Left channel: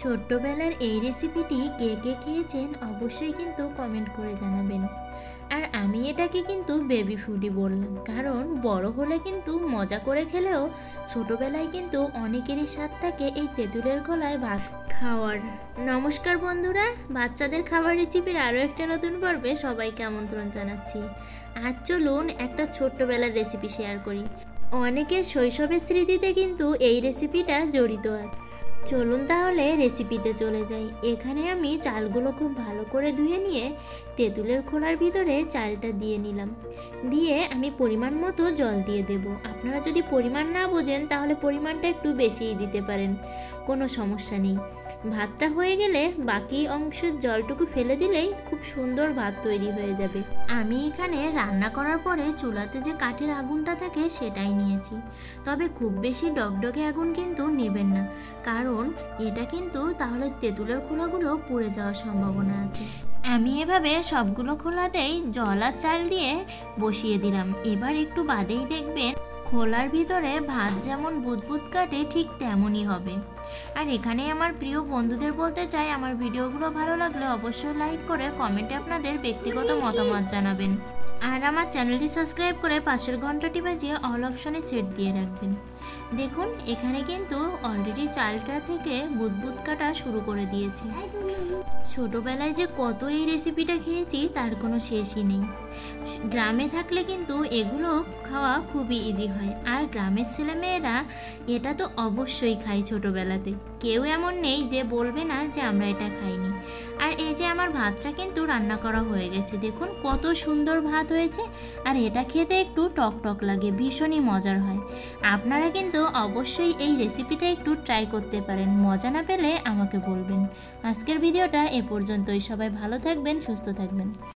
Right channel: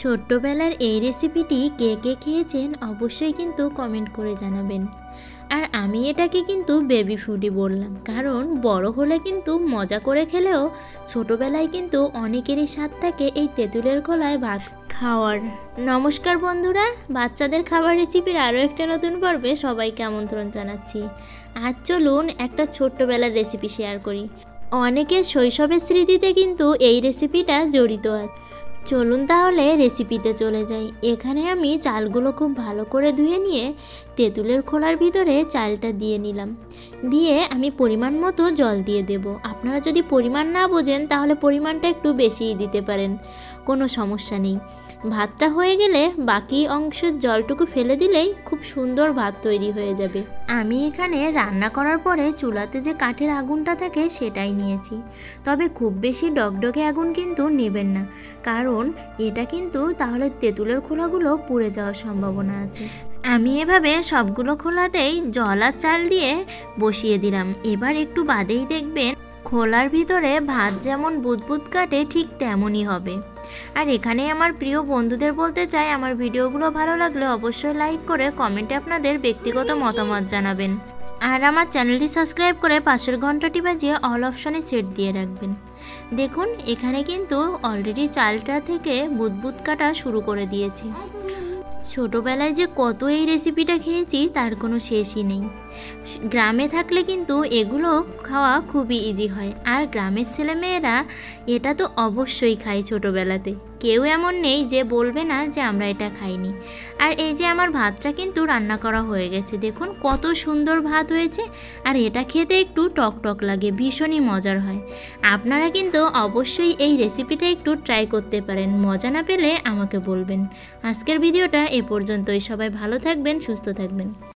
ছোট্টবেলার এই রেসিপিটি কে কে খেয়েছেন অবশ্যই কিন্তু কমেন্ট করে জানাবেন। আর আমি এটাকে কিন্তু বেবি ফুডই বললাম, কারণ বড় হলে কিন্তু মজা করে খেলেও ছোটবেলায় কিন্তু অনেকেরই স্বাদ থাকে এই তেঁতুলের খোলায় ভাত খাওয়ার। নমস্কার বন্ধুরা, বাচ্চাদের খাবার রেসিপির আরও একটা নতুন পর্বে সবাইকে আমন্ত্রণ জানাচ্ছি। আজ চলুন একটা ছোট্টবেলার রেসিপি শেয়ার করি। অনেকের শৈশবের স্মৃতিতে কিন্তু এই রেসিপিটা জড়িত আছে। চলুন তাহলে রেসিপিতে চলে যাই। এখানে আমি চালগুলো খুব ভালো করে ধুয়ে নিয়ে তেঁতুলের খোলার ভিতরে চালটা দিয়ে নিলাম। দিয়ে আমি পরিমাণ মতো জল দিয়ে দেব। আপনারা যদি পরিমাণ না বোঝেন তাহলে পরিমাণটা একটু বেশিই দিতে পারেন, কোনো সমস্যা নেই। ভাতটা হয়ে গেলে বাকি অংশের জলটুকু ফেলে দিলেই খুব সুন্দর ভাত তৈরি হয়ে যাবে। আমি এখানে রান্না করার পরে চুলাতে যে কাঠের আগুনটা থাকে সেটাই নিয়েছি, তবে খুব বেশি ডগডগে আগুন কিন্তু নেবেন না, কারণ এটা কিন্তু তাহলে তেঁতুলের খোলাগুলো পুড়ে যাওয়ার সম্ভাবনা আছে। আমি এভাবে সবগুলো খোলাতেই জল আর চাল দিয়ে বসিয়ে দিলাম। এবার একটু বাদেই দেখবেন খোলার ভিতরে ভাত যেমন বুদবুদ কাটে ঠিক তেমনই হবে। আর এখানে আমার প্রিয় বন্ধুদের বলতে চাই, আমার ভিডিওগুলো ভালো লাগলে অবশ্যই লাইক করে কমেন্টে আপনাদের ব্যক্তিগত মতামত জানাবেন। আর আমার চ্যানেলটি সাবস্ক্রাইব করে পাশের ঘন্টাটি বাজিয়ে অল অপশনে সেট দিয়ে রাখবেন। দেখুন এখানে কিন্তু অলরেডি চালটা থেকে বুদবুদ কাটা শুরু করে দিয়েছে। ছোটোবেলায় যে কত এই রেসিপিটা খেয়েছি তার কোনো শেষই নেই। গ্রামে থাকলে কিন্তু এগুলো খাওয়া খুবই ইজি হয়, আর গ্রামের ছেলেমেয়েরা এটা তো অবশ্যই খায় ছোটোবেলাতে। কেউ এমন নেই যে বলবে না যে আমরা এটা খাইনি। আর এই যে আমার ভাতটা কিন্তু রান্না করা হয়ে গেছে, দেখুন কত সুন্দর ভাত হয়েছে। আর এটা খেতে একটু টক টক লাগে, ভীষণই মজার হয়। আপনারা কিন্তু অবশ্যই এই রেসিপিটা একটু ট্রাই করতে পারেন। মজা না পেলে আমাকে বলবেন। আজকের ভিডিওটা এ পর্যন্তই। সবাই ভালো থাকবেন, সুস্থ থাকবেন।